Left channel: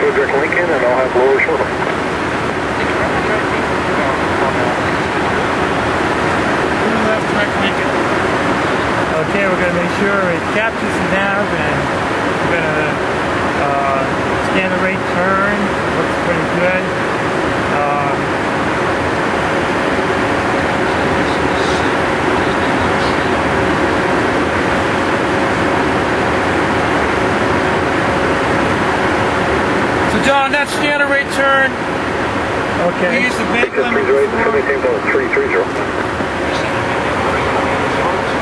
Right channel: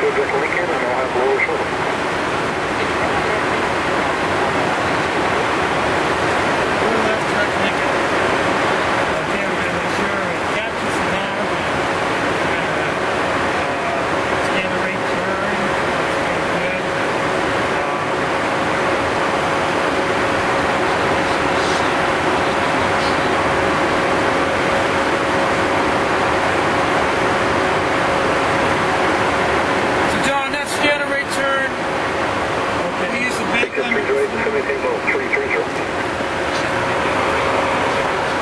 Direct Lincoln, and I'll have lower shortly. Left direct Lincoln. Okay, we're going to make sure it captures the nav, and we're going to scan the rate turn. Looks pretty good. So John, that scanner rate turn. Okay. We use the bank limit.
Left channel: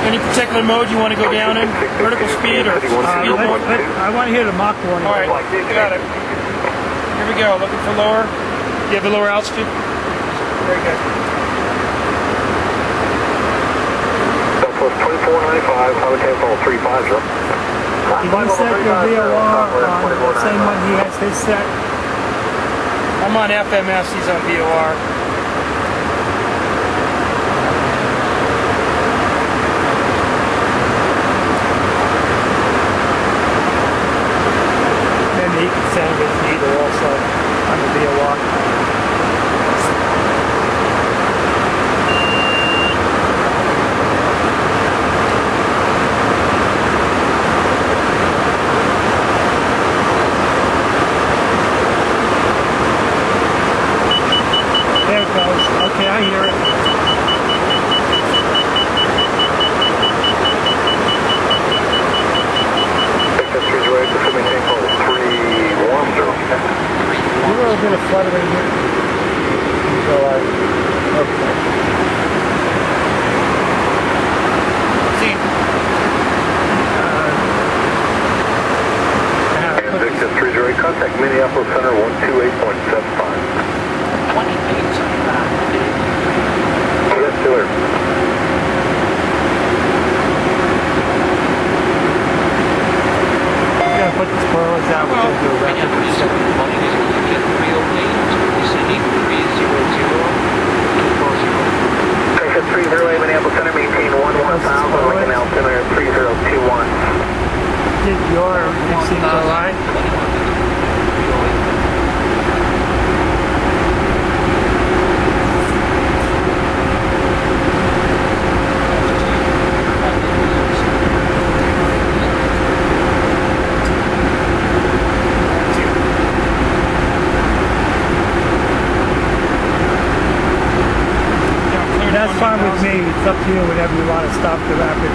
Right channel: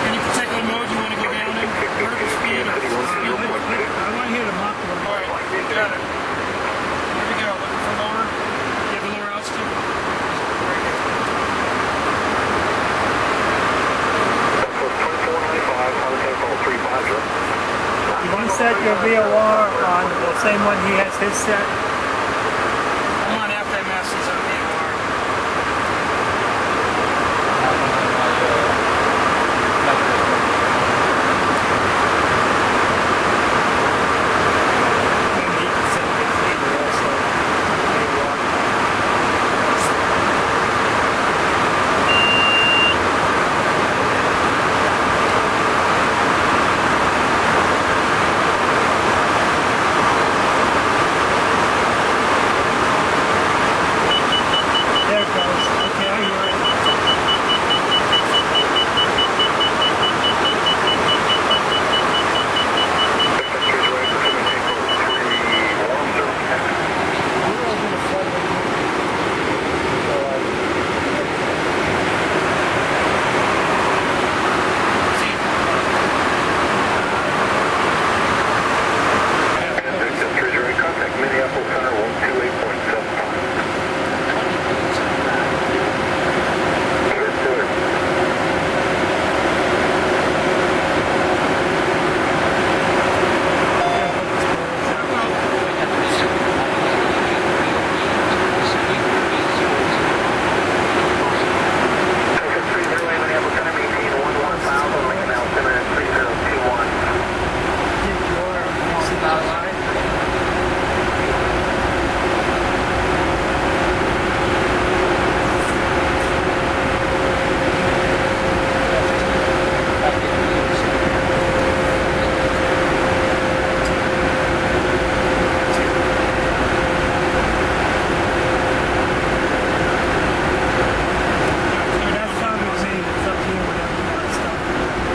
Any particular mode you want to go down in? Vertical speed or speed mode? I want to hear the Mach warning. All right, got it. Here we go. Looking for lower. Do you have the lower altitude? Very good. Southwest 2495, highway tempo 350. Did you set your VOR on the same one he has his set? I'm on FMS. He's on VOR. Maybe he can send his needle also on the VOR. There it goes. Okay, I hear it. You're a little bit of fluttering here. So okay. See. Victor 30, contact Minneapolis Center 128.75. 28.75. Yes, sir. We're going to put the spoilers out. We're going to do a rapid reset. Texas 30, Minneapolis Center, maintain 11,000, Lincoln altimeter 3021. Did your mixing go right? That's fine with me. It's up to you whenever you want to stop the rapid.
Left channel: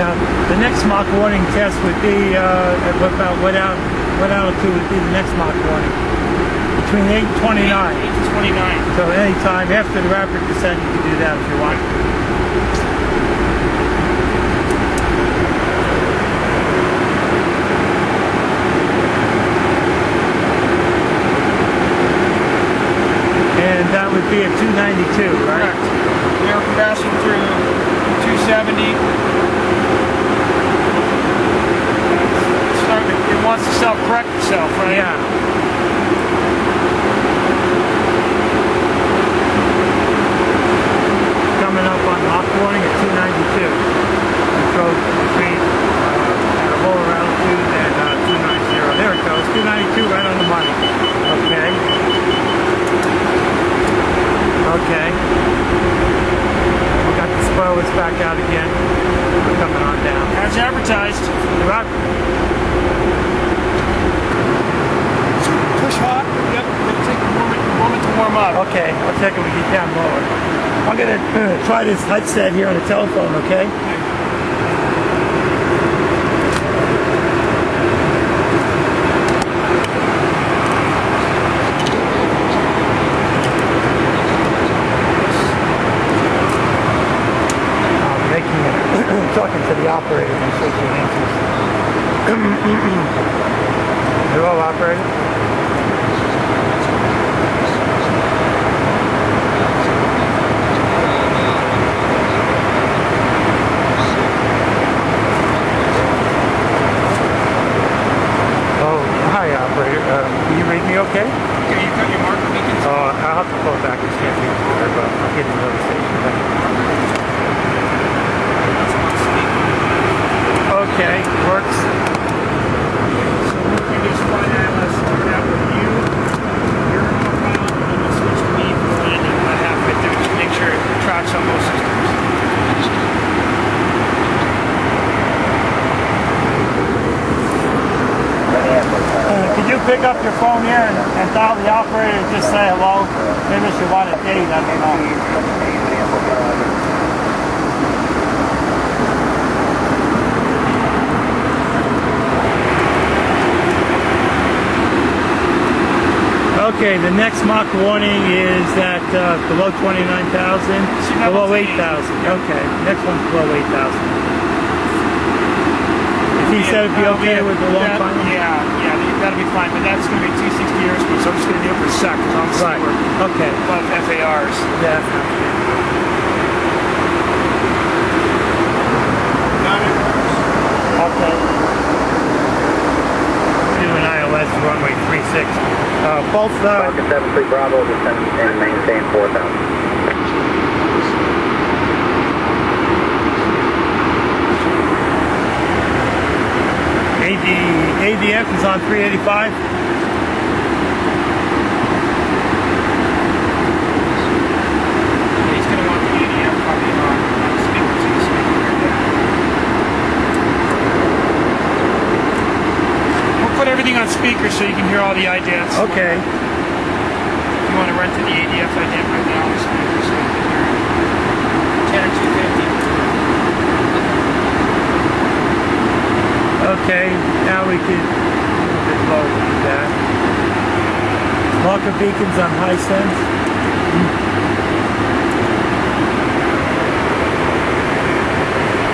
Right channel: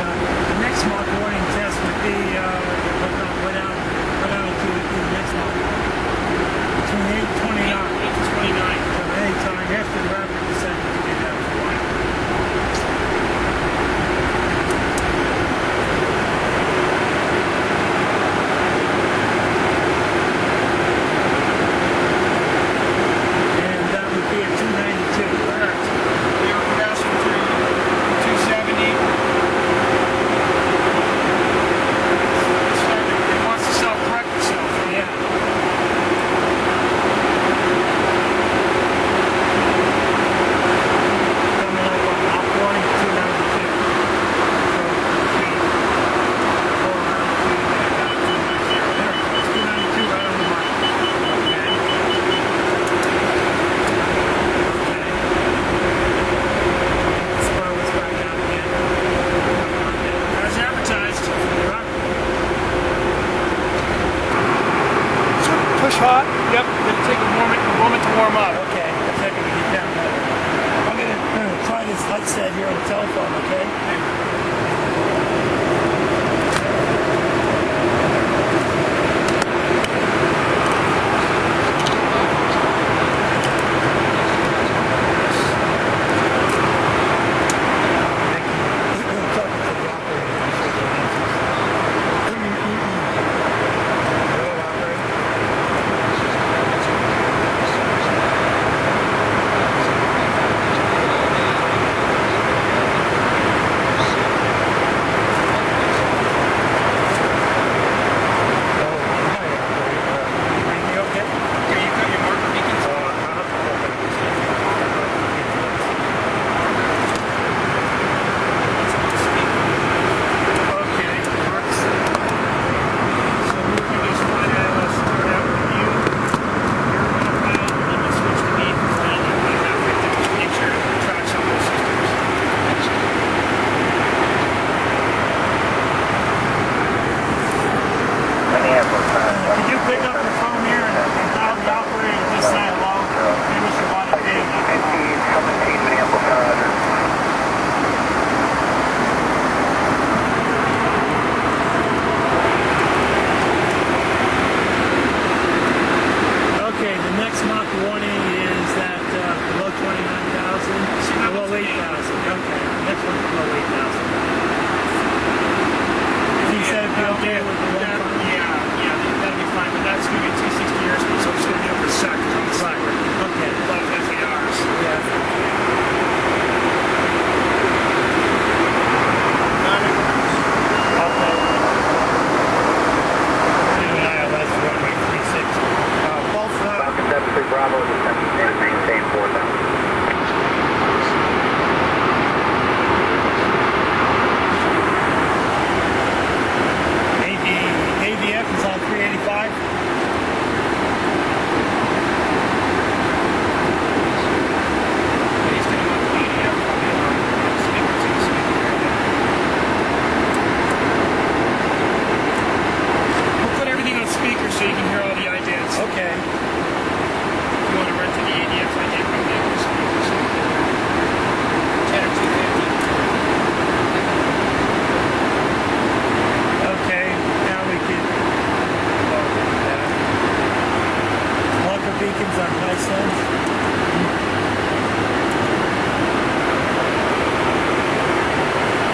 Now, the next Mach warning test would be at about what altitude would be the next Mach warning? Between 8 and 29. 8 to 29. So any time after the rapid descent, you can do that if you want. And that would be at 292, right? Correct. We are passing through 270. It wants to self-correct itself, right? Yeah. Coming up on Mach warning at 292. Control between at a lower altitude and 290. There it goes, 292 right on the money. Okay. Okay. We got the spoilers back out again. We're coming on down. As advertised. Rock. Push hot. Yep. It'll take a moment to warm up. Okay, I'll check it when we get down lower. I'm going to try this headset here on the telephone, okay? I'm talking to the operator and see if he answers. Hello, operator? Can you read me okay? Okay, you got your marker beacons? I'll have to pull it back. I can't read it, but I'll get another station. Okay, works. pick up your phone here and dial the operator and just say hello. Maybe if you want a date, I don't know. Okay, the next Mach warning is at below 29,000, below 8,000. Okay, next one's below 8,000. He said it'd be okay with the long final? Yeah, that'll be fine, but that's going to be 260 airspeed, so I'm just going to do it for a sec, because obviously right. we're Okay. above FARs. Yeah. Okay. Do an ILS runway 36. Both Falcon 73 Bravo, descend and maintain 4,000. ADF is on 385. He's going to want the ADF probably on speaker to the speaker. We'll put everything on speaker so you can hear all the idents. Okay. If you want to run to the ADF ident right now on the speaker so you can hear it. 10 or 250. Okay, now we can a little bit lower than that. Marker beacons on high sense.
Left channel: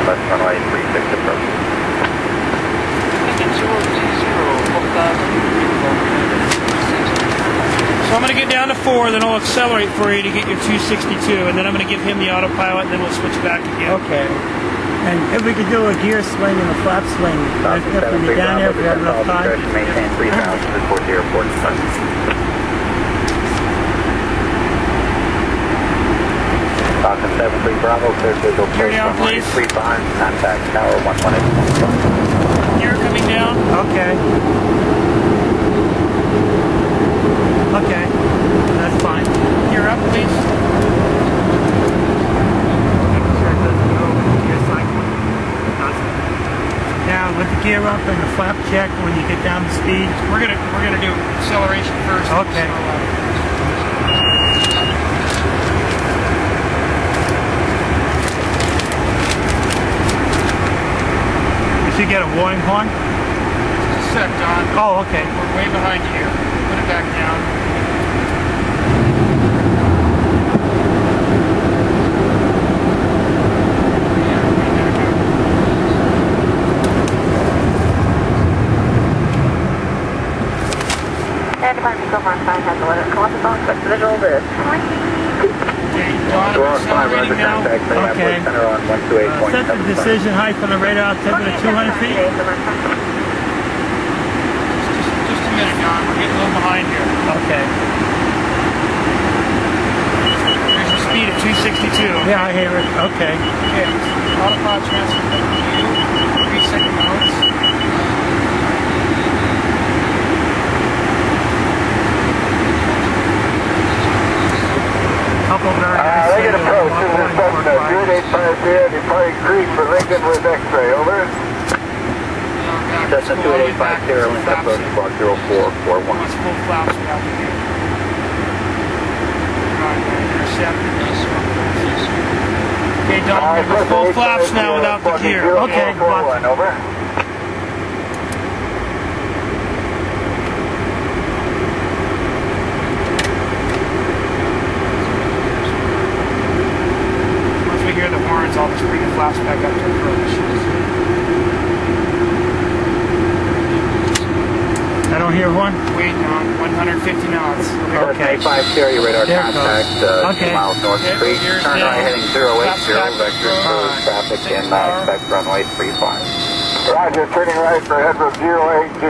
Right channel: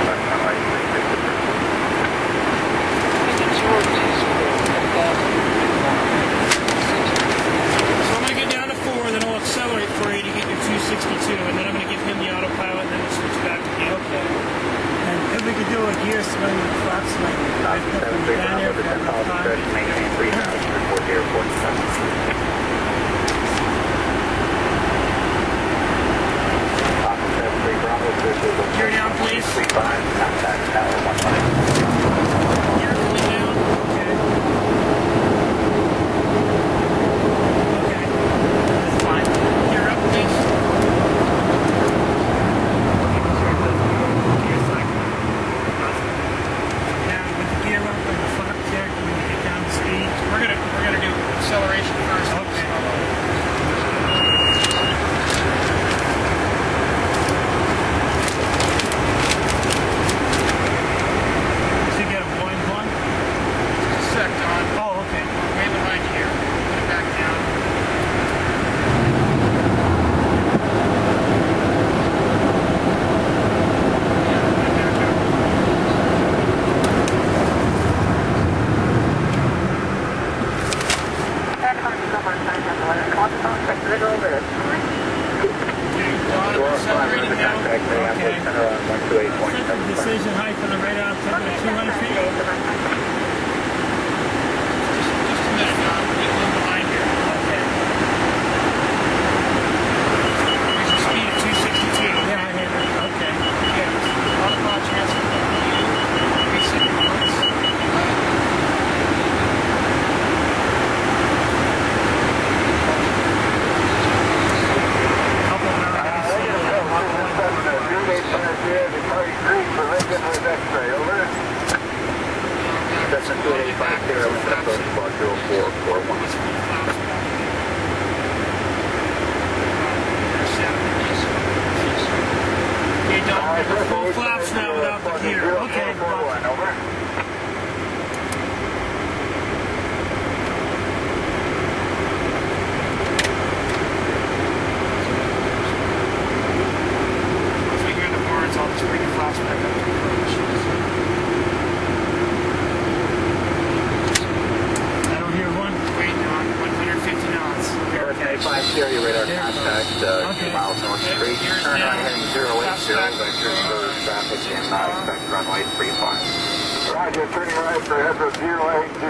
Left runway 36 approach. So I'm going to get down to 4, then I'll accelerate for you to get your 262, and then I'm going to give him the autopilot, and then we'll switch back again. Okay. And if we could do a gear swing and a flap swing, if we get down there, if we have enough time. Maintain 3,000 report to airport. Falcon 73 Bravo, clear visual Gear place down, runway please. 35, contact tower 118. Gear coming down. Okay. Okay, that's fine. Gear up, please. Now with the gear up and the flap check when you get down to speed. We're gonna do acceleration first. Okay. Did you get a warning horn? Just a sec, Don. Oh, okay. We're way behind you here. Put it back down. And Department of Mark 5 has a letter. Columbus on expect visual this. Okay, Don, we're accelerating now. Okay. Center on 128.7. Set the decision height on the radar altimeter 200 feet. Just a minute, Don. We're getting a little behind here. Okay. There's your speed at 262. Yeah, I hear it. Okay. Okay. Autopilot transfer to you. 3-second modes. Couple very Lincoln approach, this is Cessna 2850, departing creek for Lincoln with X-ray, over. Cessna 2850, link approach squawk 0441. Once full flaps we have to do. Intercept. Okay, Don, we're going to go full flaps now without the gear. Okay, watch. Over. Once we hear the horns, I'll just bring the flaps back up to approach. I don't hear one. Wait, Don, 150 knots. Okay. 5 carry radar There it contact, goes. 2 miles north of Okay, Creek. gears Turn down. right heading 080, vector smooth traffic, and expect runway 35. Roger, turning right for headroom 080,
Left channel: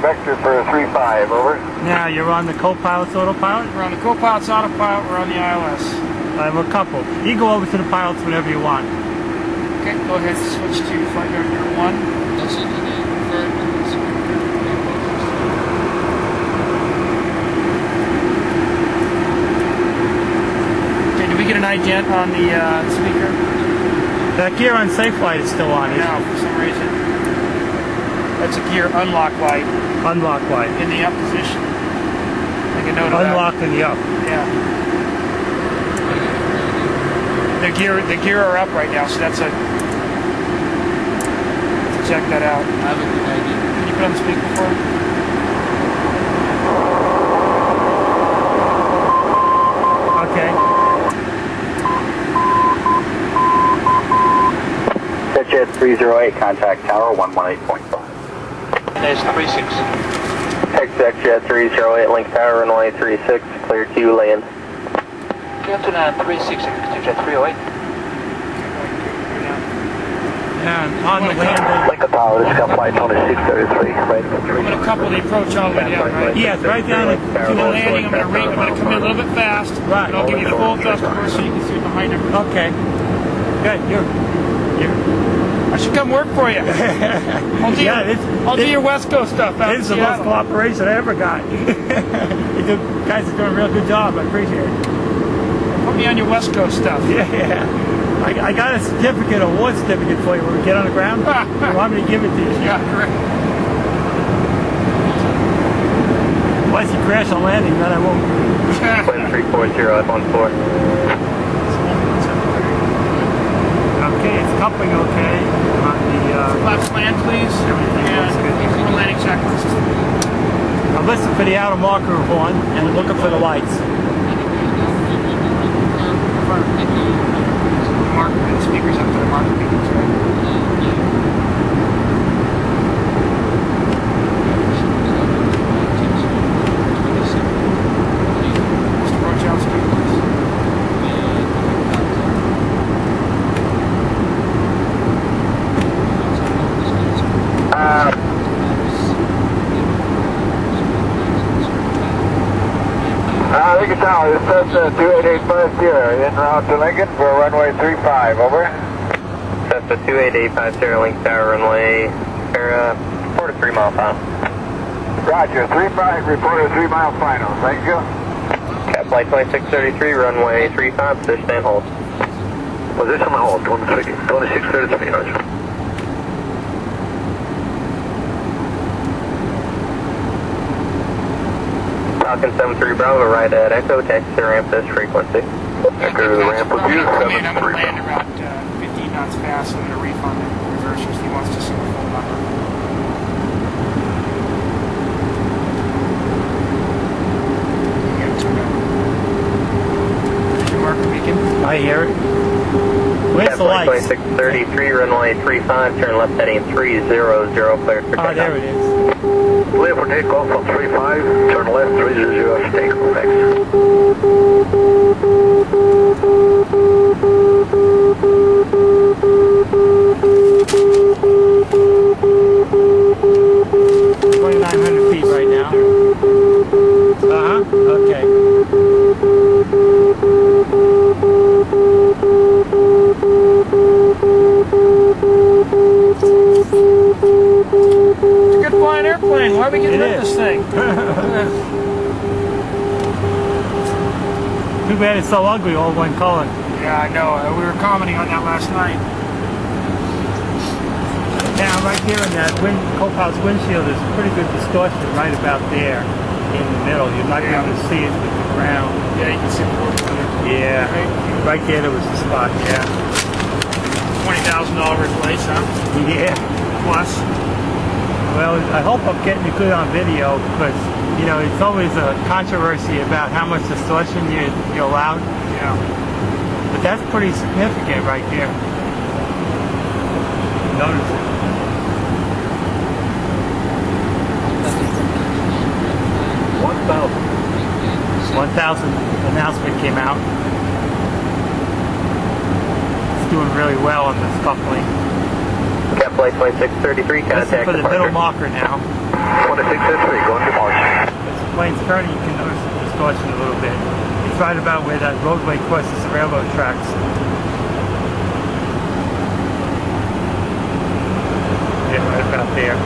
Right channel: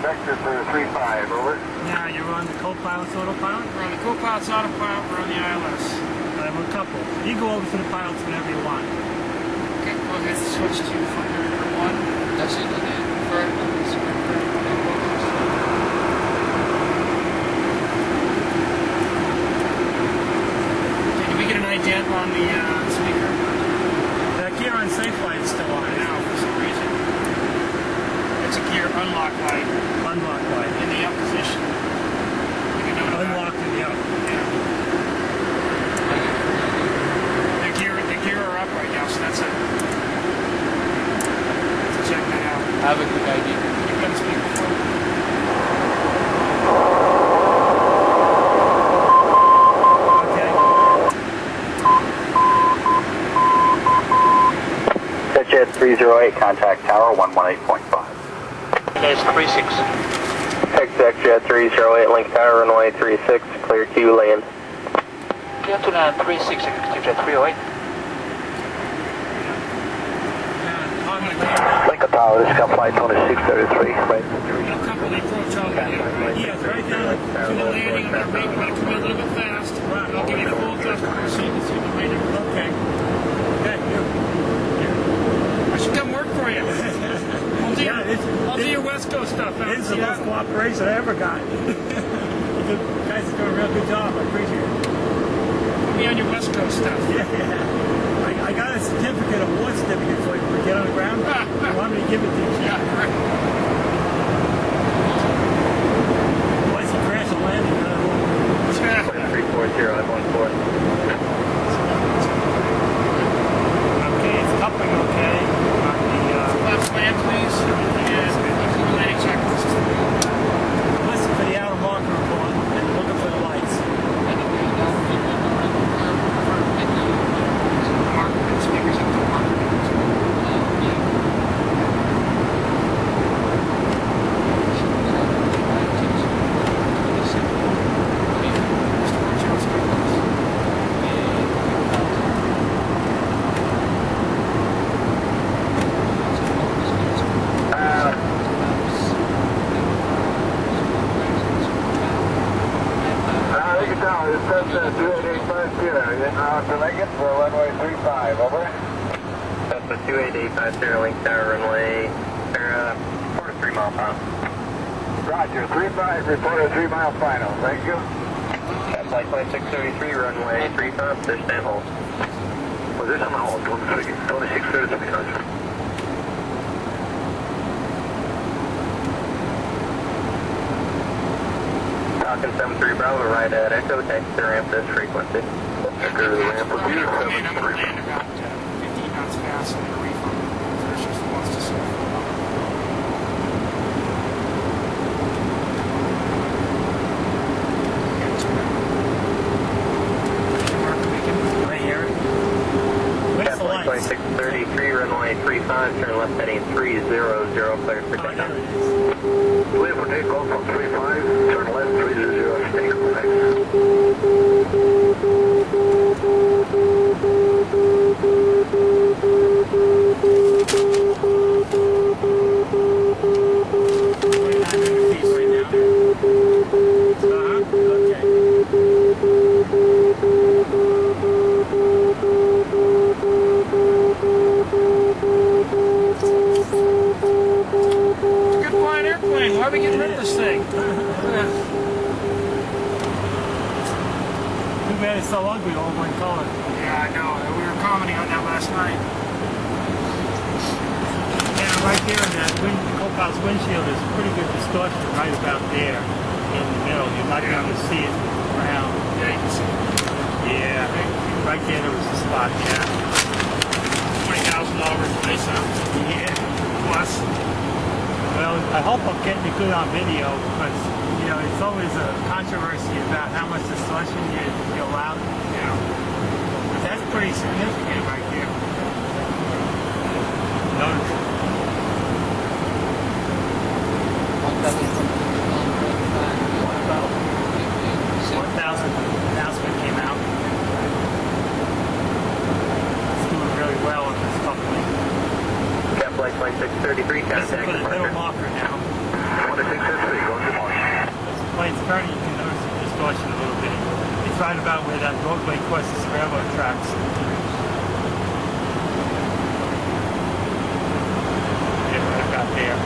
vector for 35, over. Now you're on the co-pilot's autopilot. We're on the co-pilot's autopilot, we're on the ILS. I have a couple. You go over to the pilots whenever you want. Okay, go ahead and switch to flight director 1. Okay, did we get an ident on the speaker? That gear on safe flight is still on. No, for some reason. That's a gear unlock light Unlock light. in the up position. Make a note of that. Unlock in the up. Yeah. The gear are up right now, so that's a. Check that out. I have a good idea. Can you put on the speaker for me? Okay. Jet 308, contact tower 118.5. There's 36. Exec Jet 308, link tower runway 36, clear to land. Gentleman 36, Jet 308. And on the landing. Link the tower, this is flight 2633. Right. I'm going to couple the approach all the way down, right? Yes, right down To the landing, I'm going to come in a little bit fast. Right. And I'll give you full thrust reverse so you can see behind him. Okay. Good. You're I should come work for you. I'll do your West Coast stuff out in This is the most Seattle. cooperation I ever got. You guys are doing a real good job. I appreciate it. Put me on your West Coast stuff. Yeah. I got a certificate, award certificate for you when we get on the ground. You want me to give it to you? Yeah, correct. Unless you crash on landing, then I won't. Wind 340 up on 4. Okay, it's coupling okay on the. Flaps land, please. Everything looks good. And landing checklist. I'm listening for the outer marker of one and looking for the lights. The speakers up to the marker beacons, right? Mr. Rochowski, please. Lincoln Tower, this is Cessna 28850, en route to Lincoln for runway 35, over. Cessna 28850, link tower runway 4 to 3 mile final. Roger, 35, report a 3 mile final, thank you. Cap flight 2633, runway 35, position and hold. Position and hold, 2633, roger. Falcon 73 Bravo, right at Echo, taxi to ramp this frequency. Echo to the ramp with you, I'm going to 73 land about 15 knots fast. I'm going to refund the reversers. He wants to see the full number. Marker beacon. I hear it. Where's the lights? 2633, runway 35, turn left heading 300, cleared for takeoff. Oh, there it is. Clear for takeoff on 35, turn left 300 for takeoff, thanks. $2,900 feet right now. Okay. It's a good flying airplane. Why are we getting rid of this thing? Too bad it's so ugly, all one color. Yeah, I know. We were commenting on that last night. Now, right there in that co-pilot's windshield, there's pretty good distortion right about there in the middle. You're not going to be able to see it with the ground. Yeah, you can see the board better. Yeah, right there was the spot, yeah. $20,000 replace, huh? Yeah. Plus. Well, I hope I'm getting it good on video because, you know, it's always a controversy about how much distortion you allow. Yeah. But that's pretty significant right there. Notice it. 1,000 announcement came out. It's doing really well on this coupling. Cap flight 2633, contact Listen for the middle departure. marker now. 2633, going to March. As the plane's turning, you can notice the distortion a little bit. It's right about where that roadway crosses the railroad tracks. Yeah, right about there.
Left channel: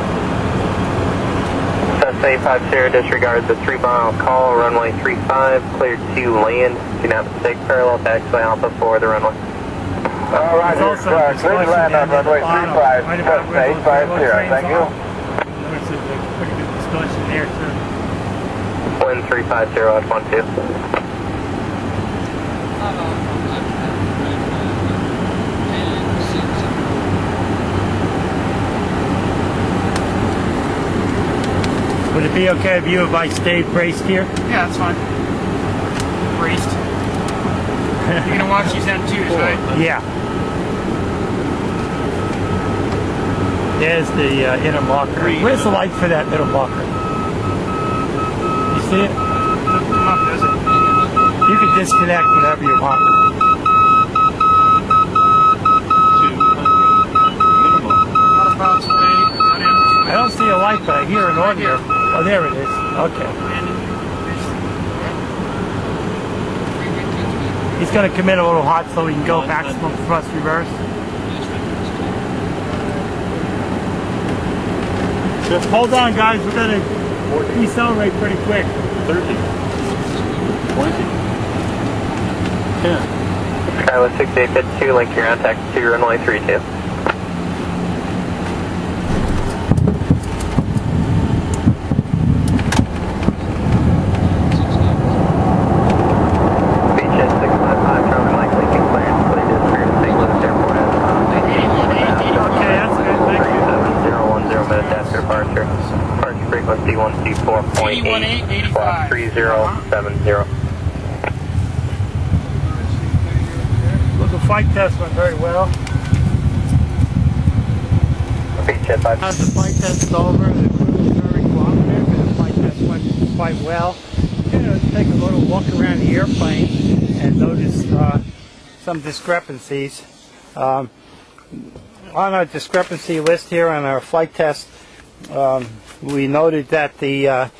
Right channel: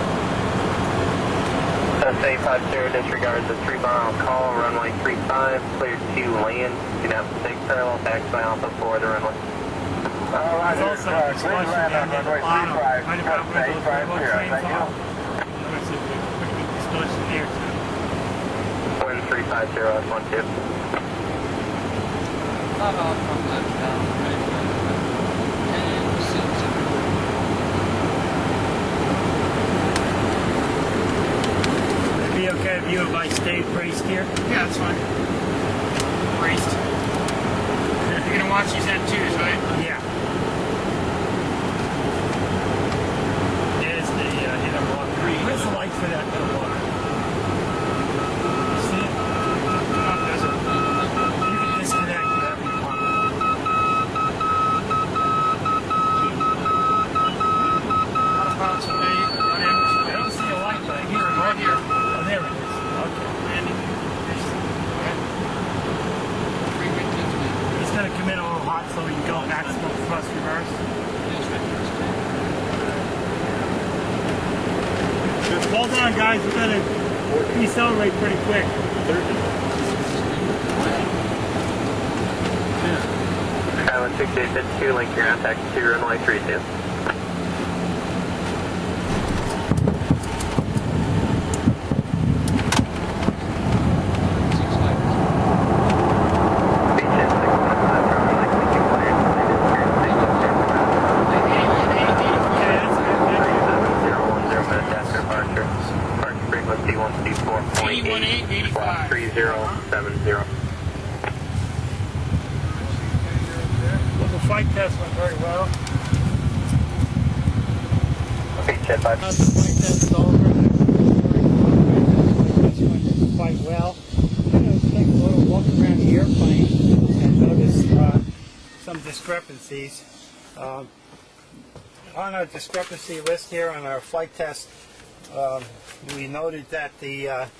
Cessna 850, disregard the 3 mile call, runway 35, cleared to land. Do not mistake parallel taxiway Alpha for the runway. All right, There's also clear to land on runway 35, right about Cessna where those 850, thank you. trains There's pretty good distortion there too. Wind 350 at 12. Would it be okay with you if I stayed braced here? Yeah, that's fine. Braced. You're gonna watch these M2s, right? Yeah. There's the inner marker. Where's the light for that middle marker? You see it? Doesn't come up, does it? You can disconnect whenever you want. Out of bounds away. Not in. I don't see a light, but I hear an audio. Oh, there it is. Okay. He's going to come in a little hot so he can go maximum thrust reverse. Just hold on, guys. We're going to decelerate pretty quick. 30. 20. 10. Skywest 6852, link your contact to runway 32. Frequency 124.8, squawk 3070. Well, the flight test went very well. Beachhead 5. As the flight test is over, the crew was very cooperative and the flight test went quite well. I'm going to take a little walk around the airplane and notice some discrepancies. On our discrepancy list here on our flight test, we noted that the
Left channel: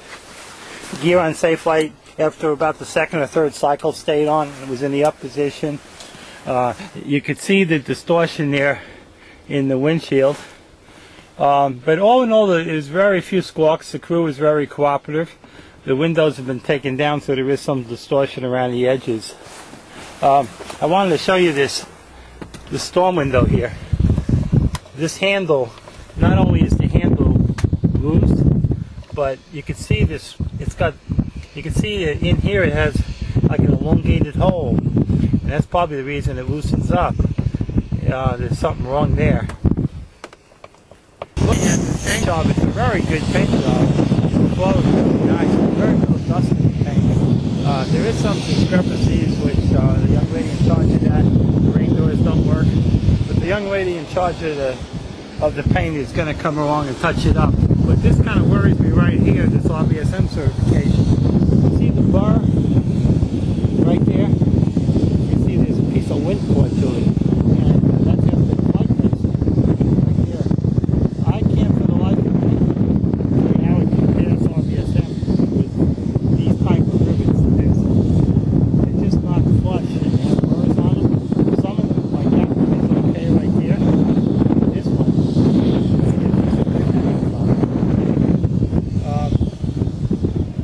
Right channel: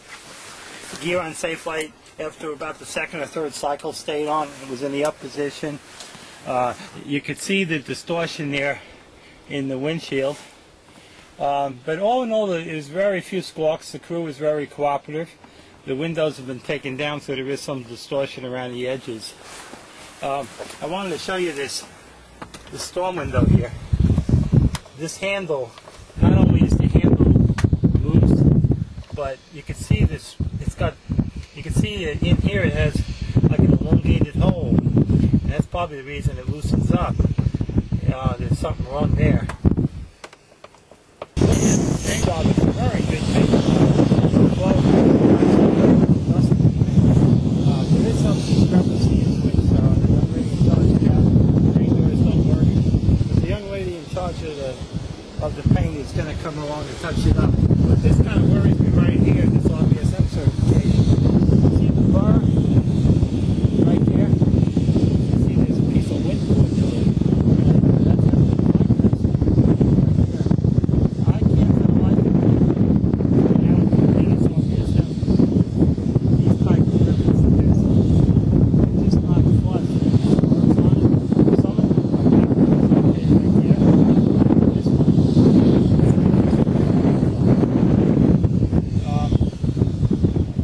gear on safe flight after about the second or third cycle stayed on. It was in the up position. You could see the distortion there in the windshield. But all in all, there's very few squawks. The crew was very cooperative. The windows have been taken down, so there is some distortion around the edges. I wanted to show you the storm window here. This handle, not only is the handle loose, but you can see this. You can see that in here it has like an elongated hole, and that's probably the reason it loosens up. There's something wrong there. Looking at the paint job, it's a very good paint job. The flow is really nice. Very little dust in the paint. There is some discrepancies which the young lady in charge of that. The rain doors don't work, but the young lady in charge of the paint is going to come along and touch it up. But this kind of worries me right here, this RBSM certification. You see the bar right there? You see there's a piece of wind cord to it. And that's just the flight test right here. I can't for the life of me see how it compares RBSM with these type of rivets. They're just not flush and they have burrs on them. Some of them, like that one, is okay right there. This one,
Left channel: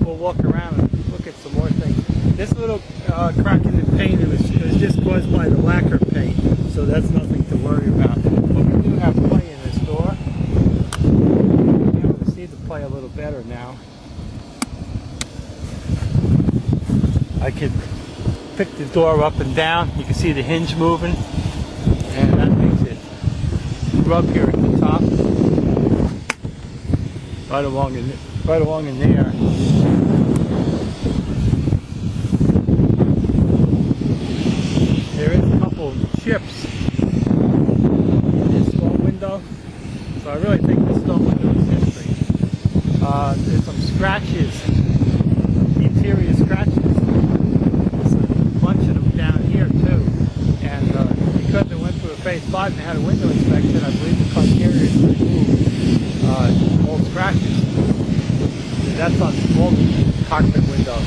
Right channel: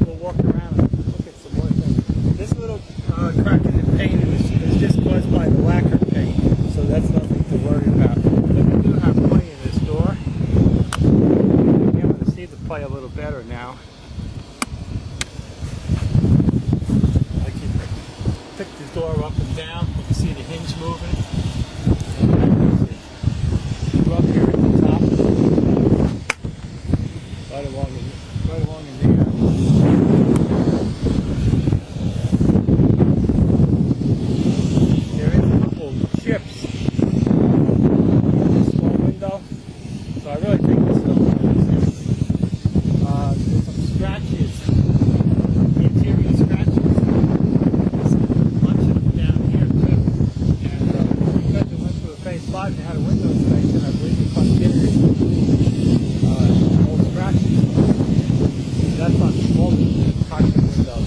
we'll walk around and look at some more things. This little crack in the paint, it was just caused by the lacquer paint, so that's nothing to worry about. But we do have play in this door. You'll be able to see the play a little better now. I could pick the door up and down. You can see the hinge moving, and that makes it rub here at the top, right along in there. There is a couple of chips in this storm window, so I really think this storm window is history. There's some scratches, interior scratches. There's a bunch of them down here too, and because they went through a phase 5 and they had a window inspection, I believe the criteria is to remove all scratches. That's on all the cockpit windows.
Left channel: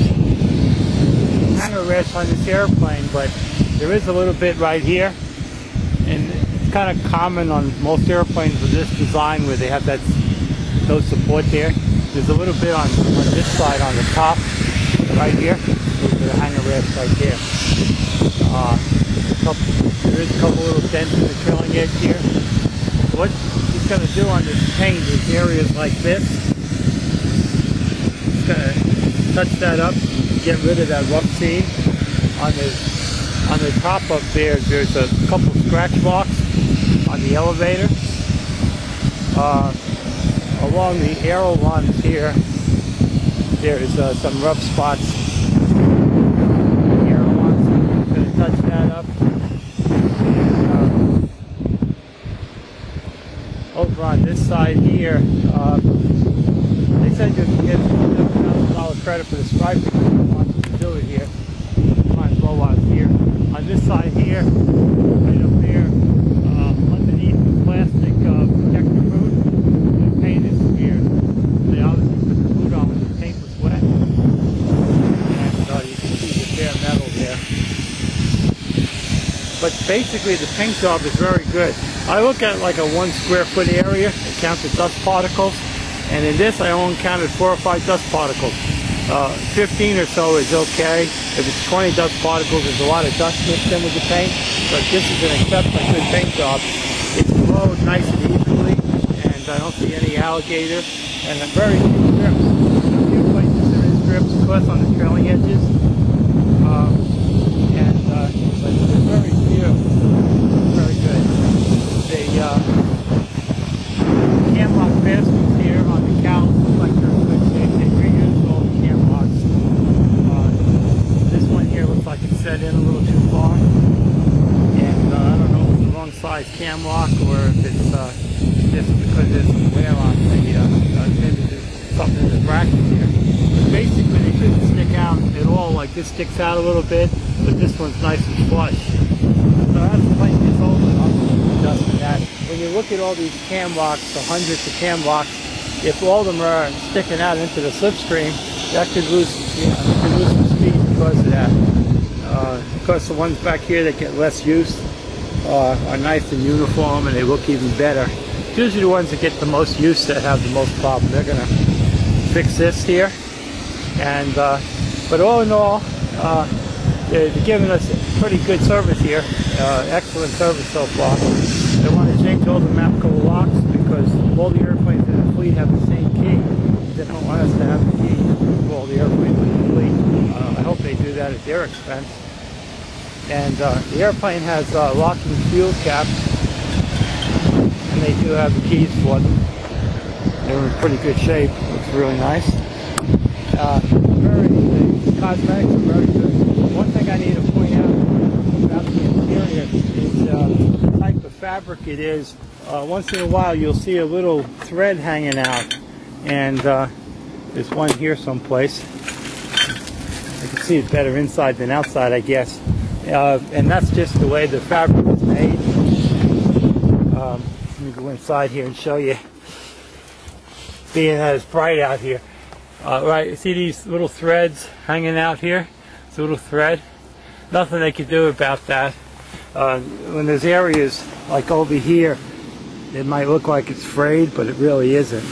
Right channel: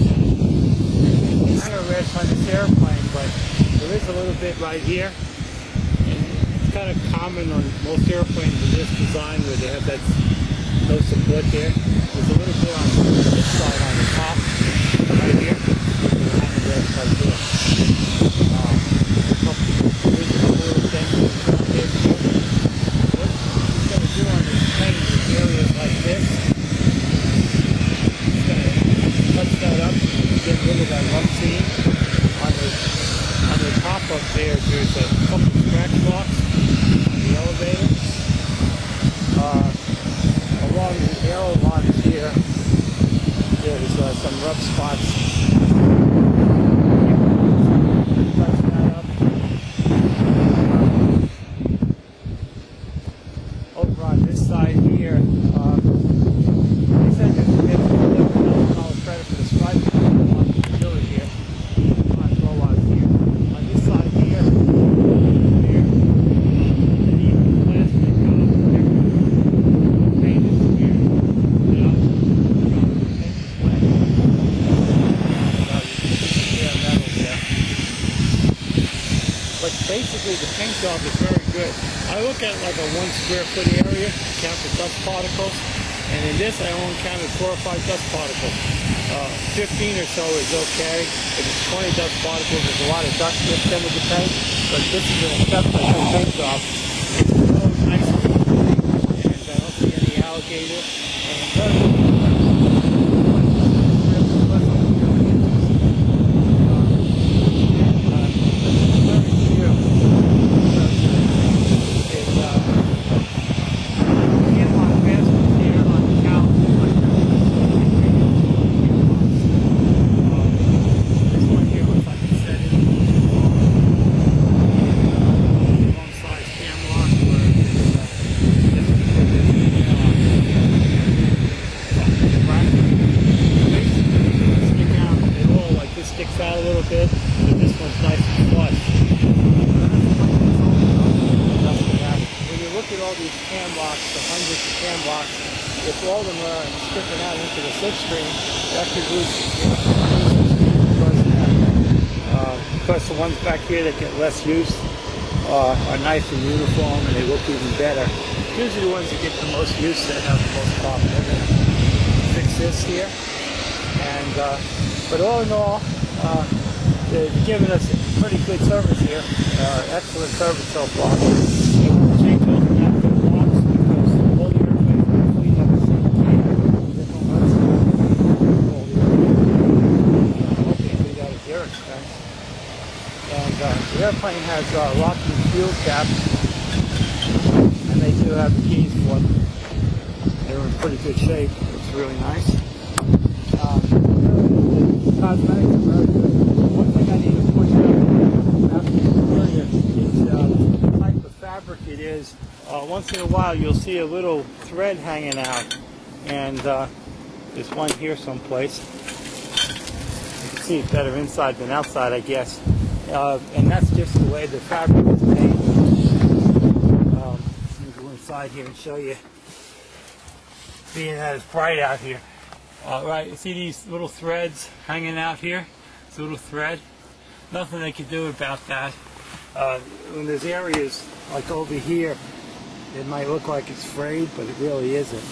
Hangar rest on this airplane, but there is a little bit right here, and it's kind of common on most airplanes with this design where they have no support there. There's a little bit on this side on the top, right here. There's the hangar rest right there. There is a couple little dents in the trailing edge here. What he's going to do on this paint is areas like this. touch that up, get rid of that rough seam. On the top up there, there's a couple scratch marks on the elevator. Along the arrow lines here, there's some rough spots. The arrow lines, I'm going to touch that up. And, over on this side here, they said you can get $7,000 credit for the striping if you want to do it here. Might as well while it's here. On this side here, right up there, underneath the plastic protector boot, the paint is smeared. They obviously put the boot on when the paint was wet. And you can see the bare metal there. But basically the paint job is very good. I look at like a 1 square foot area, it counts the dust particles, and in this I only counted 4 or 5 dust particles. 15 or so is okay. If it's 20 dust particles, there's a lot of dust mixed in with the paint, but this is an exceptionally good paint job. It's flowed nice and evenly, and I don't see any alligator, and very few strips. In a few places there is strips, of course, on the trailing edges, but there's very few. Very good. The cam lock baskets here on the cows look like they're in good shape. They reused all the cam locks. This one here looks like it's set in a little too far. And I don't know if it's the wrong size cam lock or if it's just because there's some wear on the maybe there's something in the bracket here. But basically they shouldn't stick out at all. Like this sticks out a little bit, but this one's nice and flush. So as the plane gets older, I'll adjust to that. When you look at all these cam locks, the hundreds of cam locks, if all of them are sticking out into the slipstream, that could lose, some speed because of that. Of course, the ones back here that get less use are nice and uniform, and they look even better. It's usually the ones that get the most use that have the most problem. They're going to fix this here, and but all in all, they're giving us pretty good service here. Excellent service so far. They want to change all the MAPCO locks because all the airplanes in the fleet have the same key. They don't want us to have the key for all the airplanes in the fleet. I hope they do that at their expense. And the airplane has locking fuel caps, and they do have the keys for them. They're in pretty good shape. Looks really nice. The cosmetics are very good. One thing I need to point out about the interior is the type of fabric it is. Once in a while you'll see a little thread hanging out, and there's one here someplace. You can see it better inside than outside, I guess. And that's just the way the fabric is made. Let me go inside here and show you, being that it's bright out here. Right, see these little threads hanging out here? It's a little thread. Nothing they can do about that. When there's areas like over here, it might look like it's frayed, but it really isn't.